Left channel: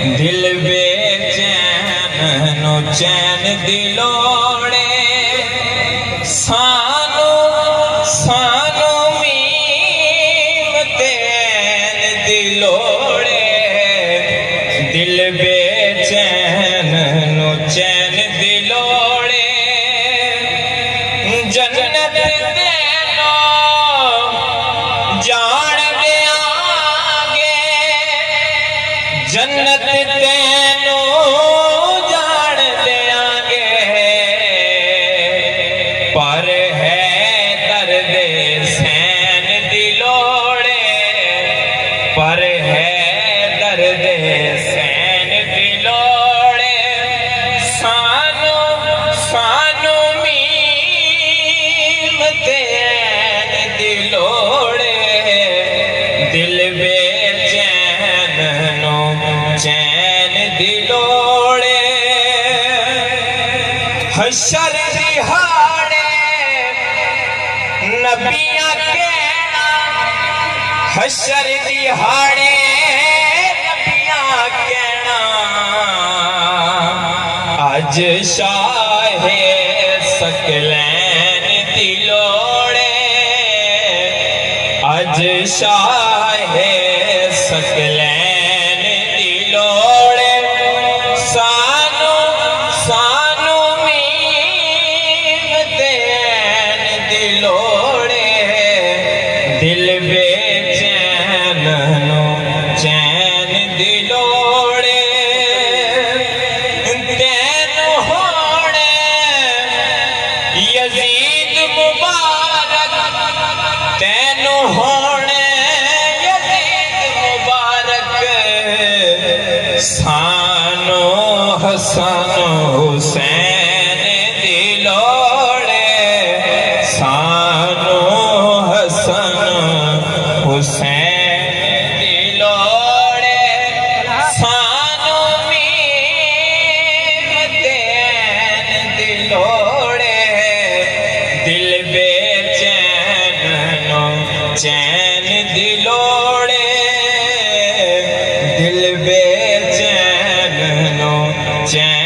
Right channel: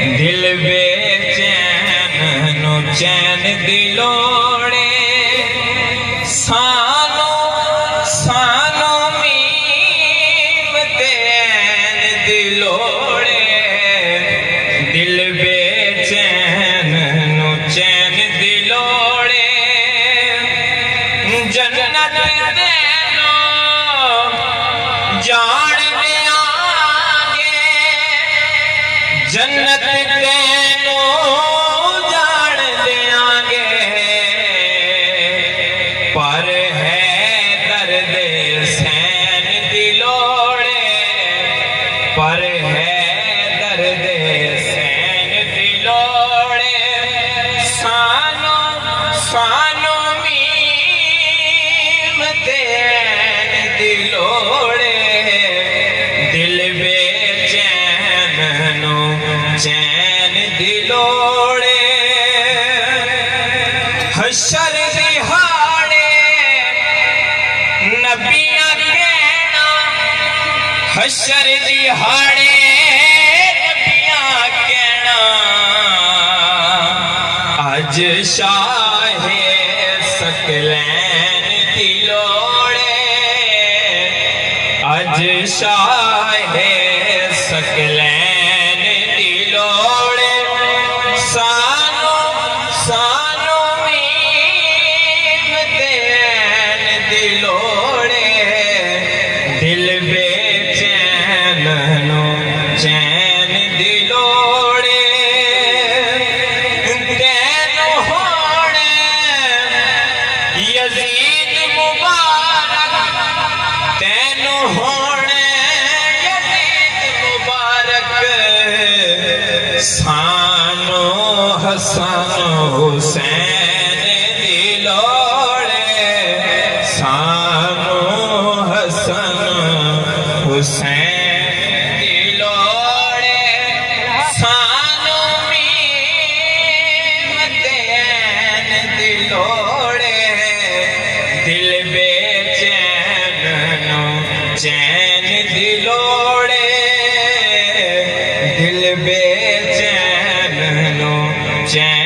दिल बेचैन नु चैन दिलोड़े सानो सानो मीम तैन दिलोड़े दिल बेचैन नु चैन दिलोड़े जन्नत देना जान देंगे जन्नत तेनो जान देंगे पर है दर्द सैन दिलोड़े पर है दर्द सैन दिलोड़े सानो सानो मीम तैन दिलोड़े दिल बेचैन नु चैन दिलोड़े हशर दिहाड़े नबियां कहना हशर दिहाड़े नबियां कहना आज शाहे सकलैन दिलोड़े आज शाहे सकलैन दिलोड़े सानो सानो मीम तैन दिलोड़े दिल बेचैन नु चैन दिलोड़े तैनु होणे यजीद मुबारक तैनु होणे यजीद मुबारक सानो हसन हुसैन दिलोड़े सानो हसन हुसैन दिलोड़े सानो मीम तैन दिलोड़े दिल बेचैन नु चैन दिलोड़े दिल बेचैन नु चैन